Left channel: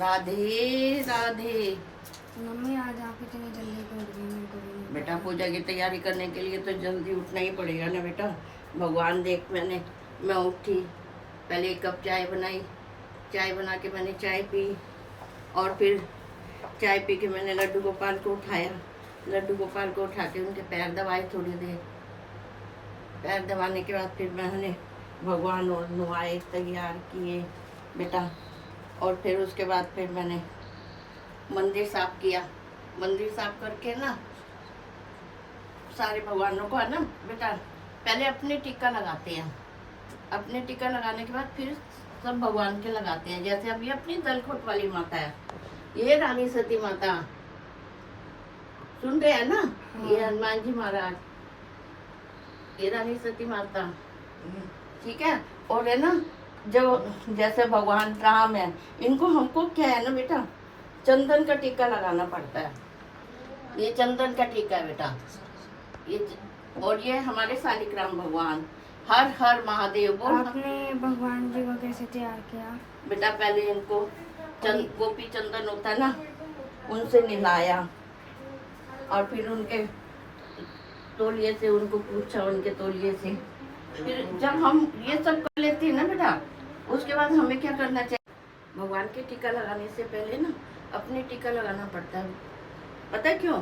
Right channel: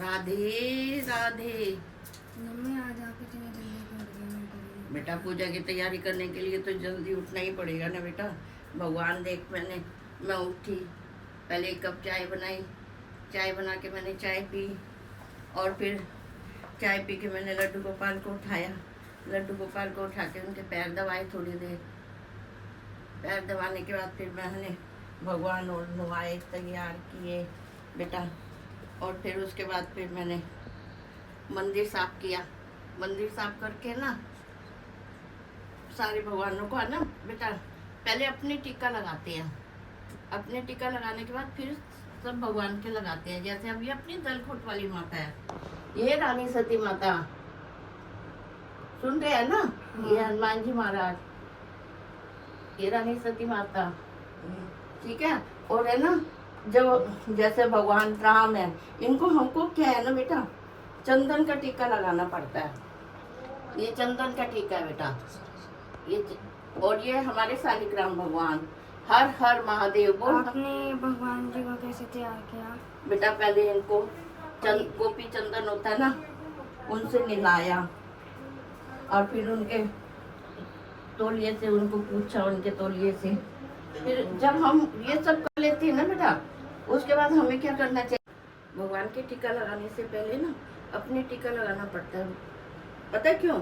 Radhe Radhe. Mummy आज आप इतनी जल्दी कर रही हैं, मेरे बेटा पूजा की तैयारी करने के लिए तो जल्दी उठना ही पड़ेगा ना बेटा। भगवान देख, मैं उठी, पहले एक कप चाय बनाई, चाय बना के मैंने चाय पी, और फिर चाय पी के मैंने लड्डू गोपाल को उठाया, लड्डू गोपाल को उठा के उनके पैर दबाए थोड़ी देर। पैर दबाने के बाद फिर मैंने भगवान और नहाए, तैयार किए बेटा। और फिर उसके बाद फिर मैंने मंदिर साफ किया। मंदिर साफ करके ना सारे भगवानों को है ना बेटा, पहले अपने टीका लगाते हैं। अपने टीका लगाने के बाद फिर सब भगवान के लगाते हैं। जैसे अभी अपनी दलखुट वाली माता है, ये रानी सती माता, सुन रहे हैं ना, ये हनुमान जी महाराज, ये रानी सती माता, ठीक है। और है ना, जब जैसे भगवान राम है, इनको हमको क्या है ना बेटा, चंदन का टीका लगाना पड़ता है। ये चंदन का टीका है बेटा, और ये हमारे शालिग्राम भगवान, हर हर महादेव बोल। आपने भगवान जी को कैसे तैयार किया? बेटा पहले इनको गोपी चंदन होता है ना, उनसे मिलाया, और फिर उनके तौलिए से उनको पूछा, उनके तौलिए से। फिर जब हम ये सब कर लेते हैं ना बेटा, उसके बाद हमें क्या करना चाहिए, भगवान के टीका लगाने से पहले ना अपने टीका लगाना पड़ता है। पता है क्यों?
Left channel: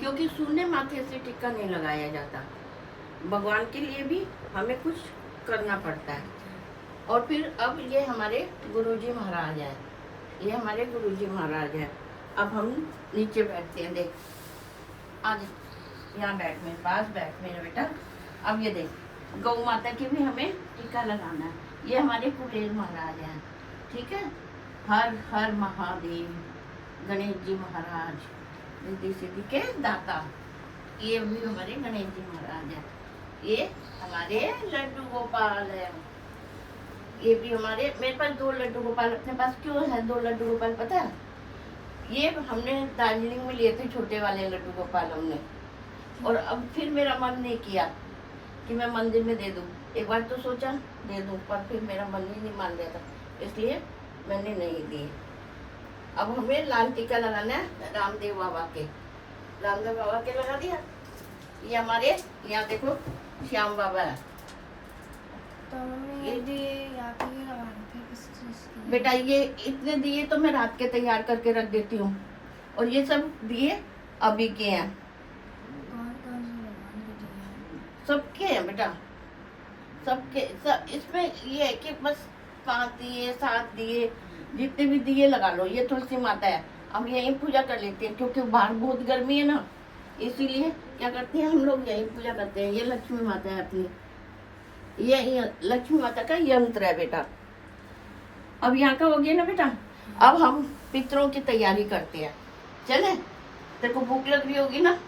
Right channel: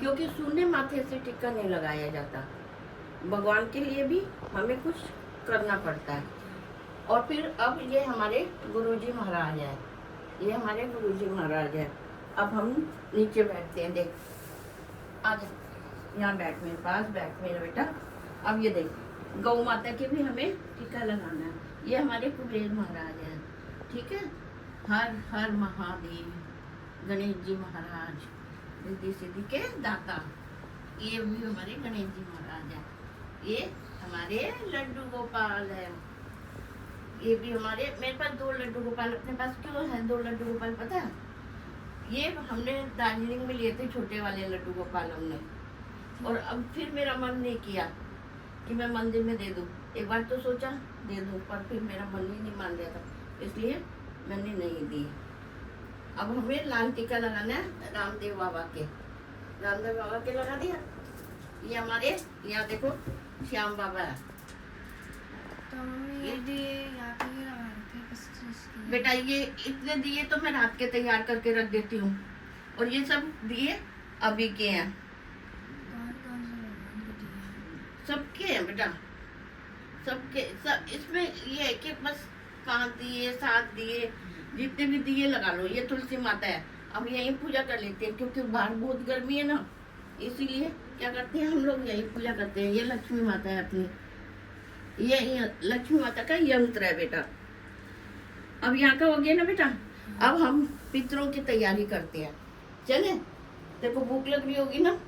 क्योंकि शून्य माथे से टीका नहीं लगाया जाता। भगवान के लिए भी हमें कुछ करना पड़ता है। और फिर अब ये हमारे गुरुजी महाराज हैं, ये हमारे गुरुजी महाराज हैं। अब हम नीचे बैठते हैं, देख आ जा, यहाँ बैठ, मेरे पास बैठ मेरे बेटा। अब ये देख, गौ माता के भी हमें टीका लगाना है। ये हमारे कुबेर महाराज हैं, ठीक है। हर हर महादेव, गणेश जी महाराज, रिद्धि सिद्धि के दाता, ये भी हमारे गणेश जी महाराज हैं। ये हमारे लड्डू गोपाल है, ये भी हमारे, मेरे पास 2 लड्डू गोपाल। अपने पास क्यों है 2 लड्डू गोपाल पता है? ये हमने दार्जिलिंग में लिए थे, छोटे वाले लड्डू गोपाल हमने। और अब फिर मेरा मन नहीं किया कि मैं मंदिर में दे दूं। एक बार तो सोचा दे दूं, पर फिर मेरा मन ही नहीं मान रहा था, इसलिए मैंने नहीं दी। अब हमें लाल टीका लगाना है रामदेव बाबा के, रामदेव बाबा के लगा दिया। ये हमारे यहाँ देखो श्याम बाबा है। तो मम्मी ये दिए या फिर लगाने थे किस चीज़ की? बेटा ये इतने दिए तो मैं रात के तैयार करके रख देती हूँ, और ये सब दिए अभी के हैं। कौन कौन से भगवान के दिए? सबके हैं बेटा, सबके सब। इसमें ये है कि बस 5 दिए 7 दिए, जितने भी दिए लगा लो। ये तुलसी माता है, अब यहीं पूजा कर लेते हैं, क्योंकि बाहर बहुत गर्मी है ना, इसीलिए क्या करते हैं हम लोग यहीं पूजा करते हैं। ये लक्ष्मी माता है अपनी, ये लक्ष्मी माता का यंत्र है बेटा। अब यहाँ का हो गया ना बेटा, अब हम पितरों की तैयारी करते हैं। चले, तेरे को भूख लग रही होगी ना,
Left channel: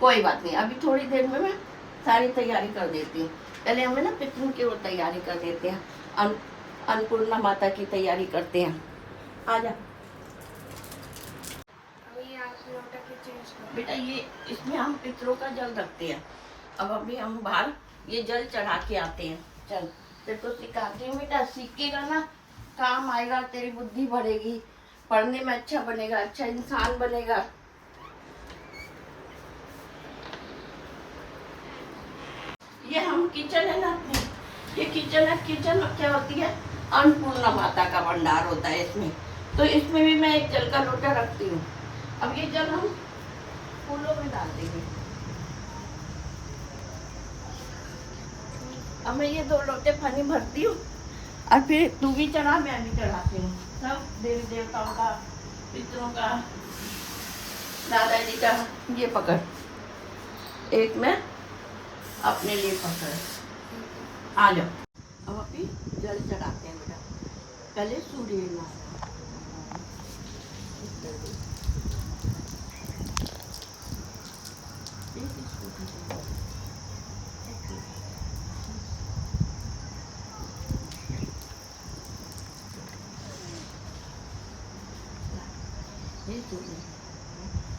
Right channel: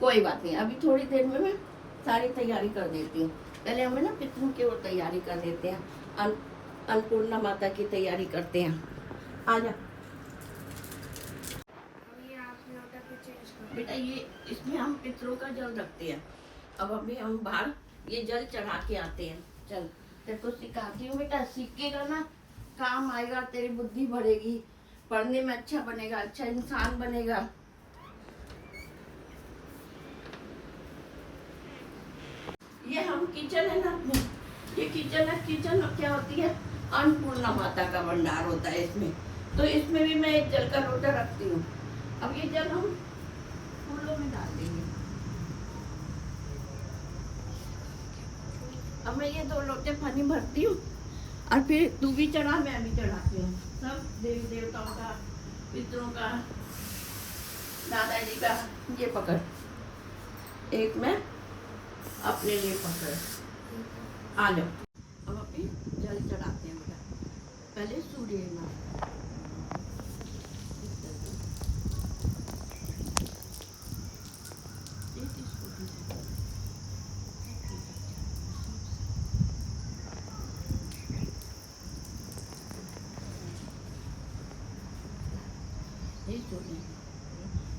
कोई बात नहीं, अभी थोड़ी देर में मैं सारी तैयारी कर देती हूँ। पहले हमें ना पितरों की वो तैयारी कर देते हैं, अन्नपूर्णा माता की तैयारी करते हैं। आ जा अभी आप लोटा की चीज़ करो। बेटा, ये इसमें हम पितरों का जल रखते हैं। अब अभी हम बाहर ये जल चढ़ा के आते हैं। चल तेरे को सिखाती हूँ बेटा, सीखेगा ना काम आएगा, तेरी बुद्धि बढ़ेगी, पढ़ने में अच्छा बनेगा, अच्छा इंसान बनेगा। ये हम किचन है ना अपनी, ये किचन है। किचन क्या होती है, अन्नपूर्णा माता का भंडार होता है इसमें। तो इसमें भी मैं एक जल का लोटा रखती हूँ। अब ये जल हम फूलों में डाल देंगे। अब मैं ये 2 लोटे पानी भरती हूँ, और फिर तू भी चढ़ा, मैं भी चढ़ाती हूँ। सब देवी देवताओं का, पितरों का, दादाजी का। ये पकड़, एक मैं अपने लिए पकड़, आ जाओ। अब अभी जल चढ़ाते हैं बेटा। पहले सूर्य नारायण,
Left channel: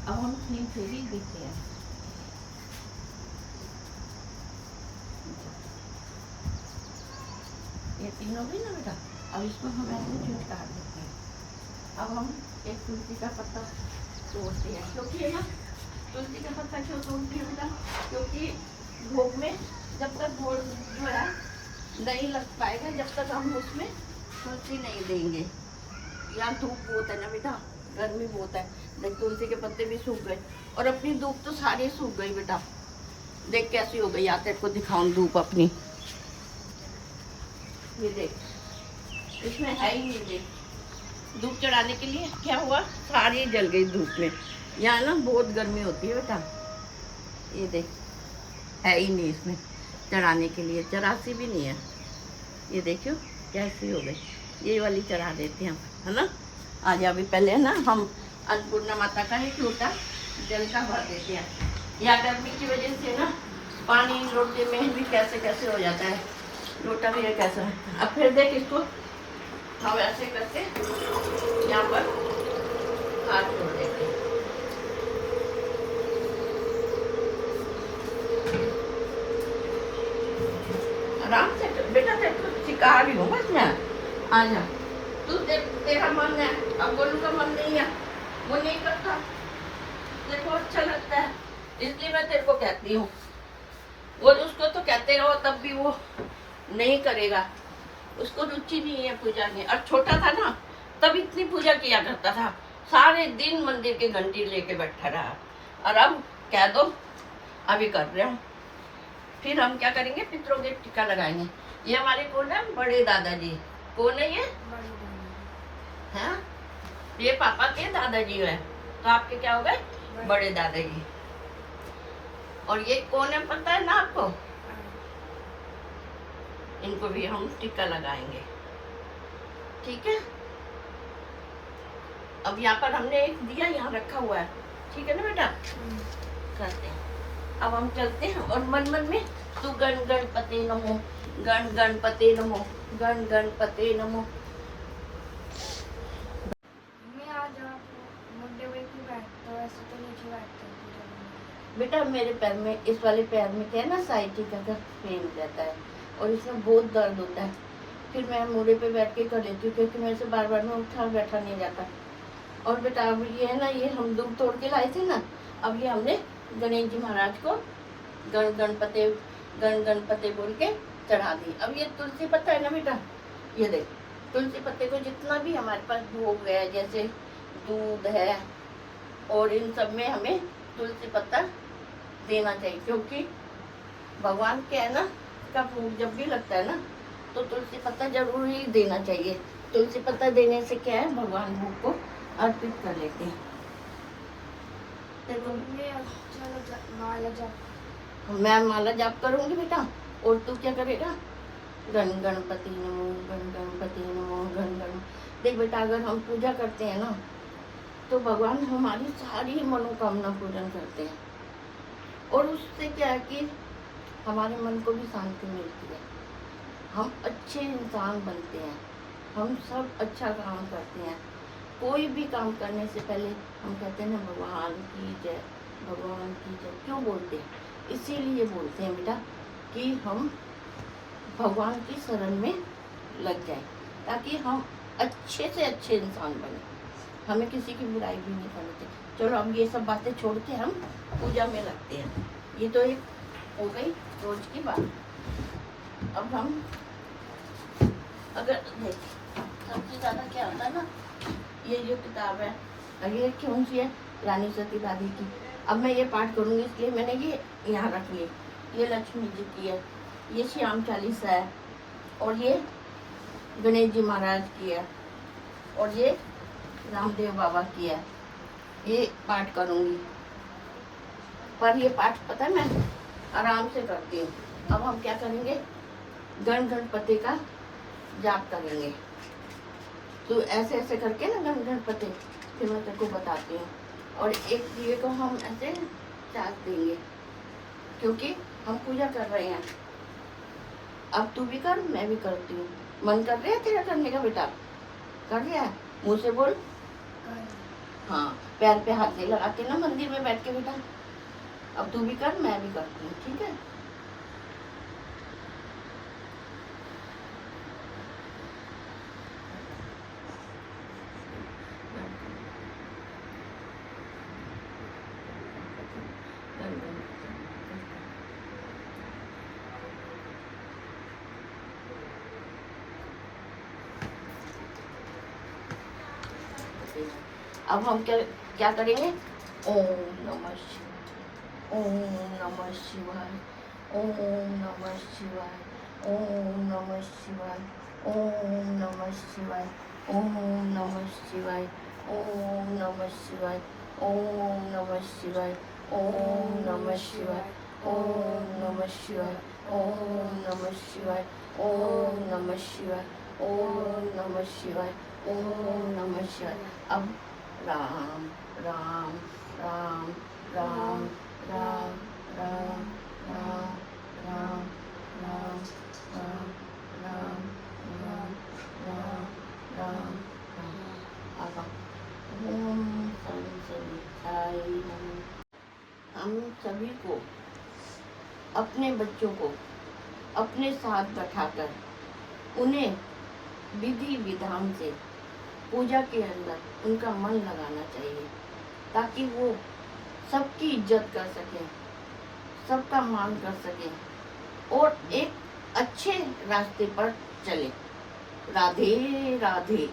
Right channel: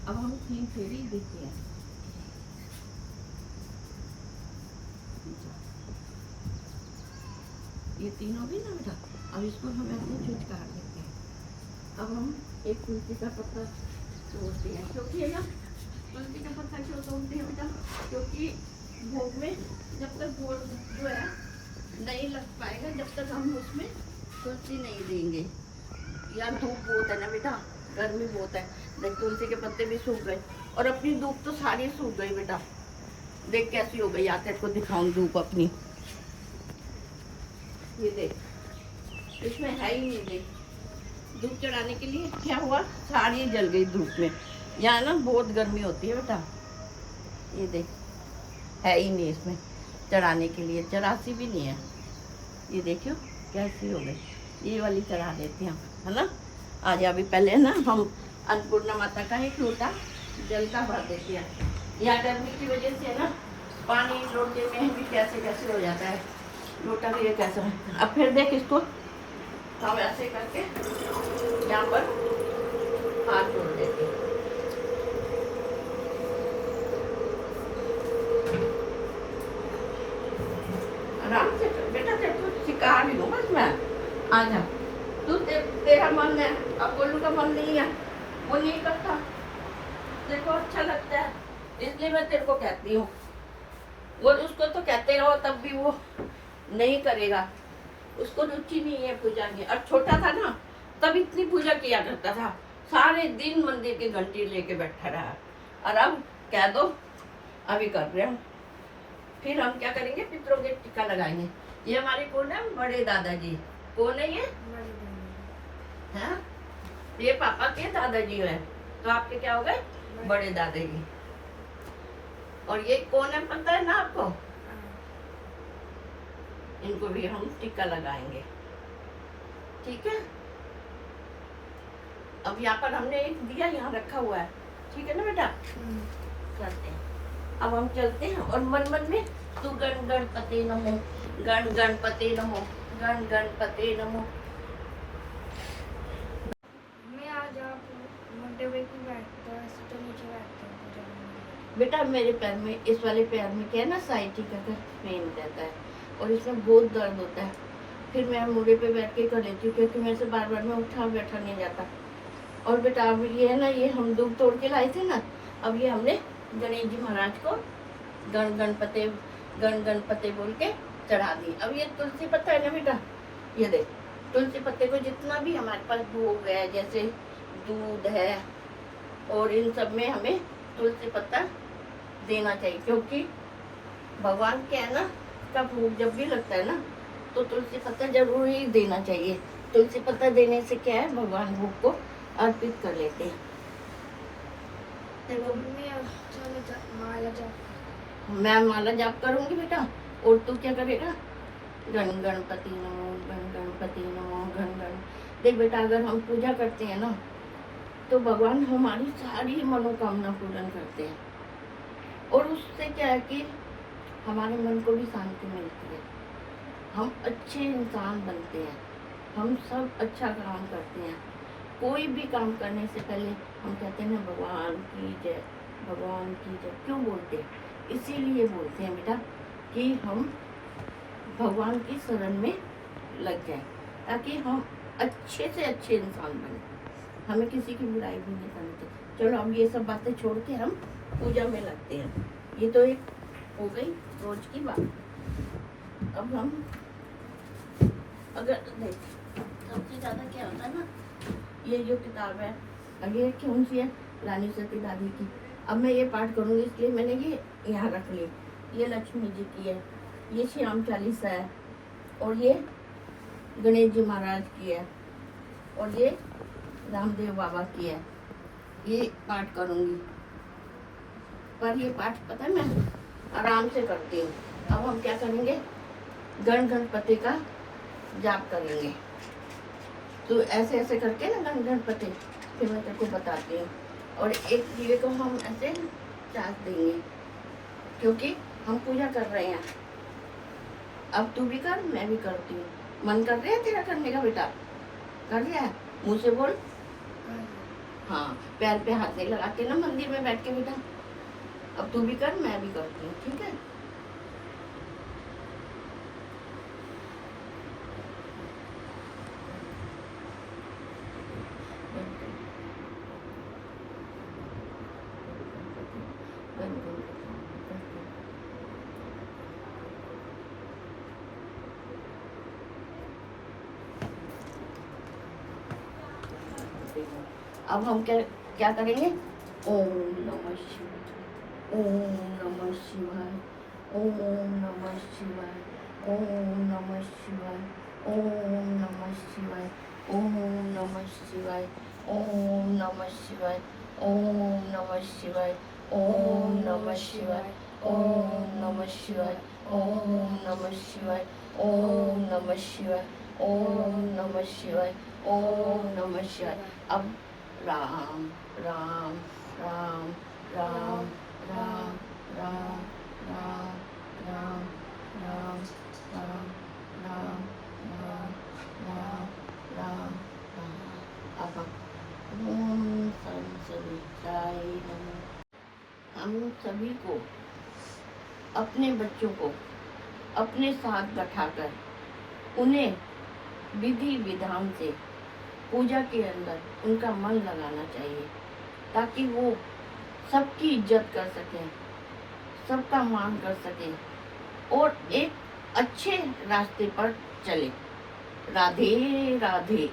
अब हम 3 फेरी देते हैं। ये तीनों भी ना बेटा, अब इसको हम ऐसे छुटकार देते हैं। अब हम एक तुलसी का पत्ता तोड़ते हैं, क्योंकि है ना, तुलसी का पत्ता क्यों तोड़ते हैं बेटा, क्योंकि भोग में जब तक भोग जो है नहीं लग पाएगा, जब तक हम उसमें तुलसी नहीं देंगे। यहाँ धूप बहुत है ना बेटा, गर्मी बहुत है, देख तुलसी के पत्ते भी सूख गए और अपनी धूप तो सारी सूख गई बेटा। देख कैसी हो गई, आकर को दिखाऊं धूप अपनी, ये देख इसमें है ही नहीं। देख धूप चढ़ाने के लिए क्या हुआ, सारी जल गई धूप में। यहाँ ना बहुत गर्मी होती है बेटा, ये देख है ही नहीं इसमें चढ़ाने के लिए, चरासी भी नहीं है। ये देखियो कैसी हो गई, ये वाली चढ़ा देते हैं हम, है ना। आज अभी पहले ना हम अन्नपूर्णा माता का एक लोटा जल का भर देते हैं। या गर्मी की वजह से ना पानी लोटे में भी कैसे कैसे हो जाता है, लोटा भी ये कैसा है। अब फिर देख इसको हम ऐसे करके यहाँ पर हाथ जोड़ देते हैं। आराम से बेटा, तेरे सिखा भी दूंगा इसमें, आ जा तू, तेरा मन है, अब गोलू का मन नहीं है, वो नहीं करता, देखो अच्छा लगता है इसलिए मैं तेरे को कहती हूँ। और उसको तो कहते रहो तब भी वो नहीं करेगा, उसको रुचि नहीं है पूजा में। और छोटा था ना तब इतनी पूजा किया करता था, सारे दिन मंदिर की घंटी लेके बैठा रहा। और अब कह दो अभी कर रहे हैं, फिर हम क्या करेंगे, पितरों के टीका लगाएंगे। ये हमारे कौन है, बड़े दादाजी। कौन है ये, हाँ ये पापा के दादाजी है, तो आपके क्या हो गए, बड़े दादाजी। और ये कौन है पता है ना आपको, इनको भी हम टीका लगाएंगे, ठीक है। अब यहाँ पर हमने एक दिया यहाँ रखा हुआ है, ठीक है ना बेटा, करते हैं। अब हम चलते हैं और मन मन में तू गण गणपति नमो, गण गणपति नमो, गण गणपति नमो। मैं आज आप मोटे पे क्यों बैठते हो, ऐसे तो नीचे बैठते हो पूजा करने के लिए। बेटा मेरे पैर में, इस वाले पैर में क्या है ना, साइटिका का पेन रहता है और इसमें बहुत दर्द होता है। फिर मैं मुड़े पे बैठ के कर लेती हूँ, क्योंकि मेरे से बार बार में उठा बैठा नहीं जाता। और बेटा अब ये है ना, ये हम दूध तोड़ के लाए थे ना, अब ये हमने गणेश जी महाराज को गण गणपति बोल के चढ़ा दी। अब ये तुलसी पत्ता है ना बेटा, ये देख तुलसी पत्ते को जितना भी हमारे पास भोग है, जैसे दूध है और इन सब में हमें तुलसी पत्ता देना चाहिए, क्योंकि भगवान के है ना का भोग जब भी लगता है ना तो तुलसी पत्ता जरूर ही देना चाहिए। तुलसी पत्ता देने से क्या है, भगवान भोग को अर्पित कर लेते हैं। देखो चलो माला जाप। मैं माला जाप करूंगी बेटा, और तू क्या करेगा, गण गणपति नमो, गण गणपति नमो, गण गण। देख बेटा अगर हम पूजा करते हैं ना तो भगवान हमारी सारी मनोकामना पूर्ण करते हैं, और उससे क्या है कि हमारे मन को भी शांति मिलती है, हम अच्छे इंसान बनते हैं, हम सब अच्छा काम करते हैं। कोई भी काम करने से पहले हम कहते हैं ना भगवान की जय, भगवान की जय। क्यों बोलते हैं, इसीलिए बोलते हैं बेटा कि हम भगवान की शरण में लग जाएं, ताकि हम अच्छे से अच्छे इंसान बने, हमें किसी की बुराई भी नहीं करनी चाहिए। चलो अब ये सब बातें छोड़ के हम पूजा में लगते हैं। ये तो एक हो गई रोज की बात। अब हम अगर देख सबसे ज़्यादा क्या होता है ना, ये जो किताब है, ये कौन सी है, रानी सती दादी की। अब मैं ये पाठ करूँगी इसलिए मैंने ये यहाँ रख ली। ये लक्ष्मी जी की है, ये श्याम चालीसा है, और ये गणेश जी महाराज की है, और ये रामदेव बाबा की है। ये पाठ करूँगी, पर ये पाठ पता है मैं आराम से करती हूँ। अब हम क्या करेंगे, गण गणपति का जाप करेंगे। तो ऐसे ऐसे करके ना गण गणपति, फिर मैं तेरे को बताती हूँ। और एक दिए को हम ऐसे चाक देंगे, क्योंकि हम पूजा कर रहे हैं। अब तू भी कर, मैं भी करती हूँ। मन कर रहा है तेरा करने का बेटा, कर रहा है, मुँह से बोल। हाँ पैर पे हाथ नहीं लगाते ना मंदिर में बैठ के बेटा। अब तू भी कर, मैं भी करती हूँ, ठीक है। अब हम क्या क्या करेंगे? ओम नमः शिवाय, ओम नमः शिवाय, ओम नमः शिवाय, ओम नमः शिवाय, ओम नमः शिवाय, ओम नमः शिवाय, ओम नमः शिवाय, ओम नमः शिवाय, ओम नमः शिवाय, ओम नमः शिवाय, ओम नमः शिवाय, ओम नमः शिवाय, ओम नमः शिवाय, ओम नमः शिवाय। अब राम राम राम राम राम राम राम राम राम राम राम राम राम राम राम। अब ओम संसविताय नमः। हम सभी को अपने बच्चों को अपने साथ बैठाकर उन्हें विधि विधान से पूजा के अंदर उनका मन लगाना चाहिए, ताकि वो सबकी इज्जत कर सकें, सबका मान कर सकें और एक अच्छे रास्ते पर चले। राधे राधे।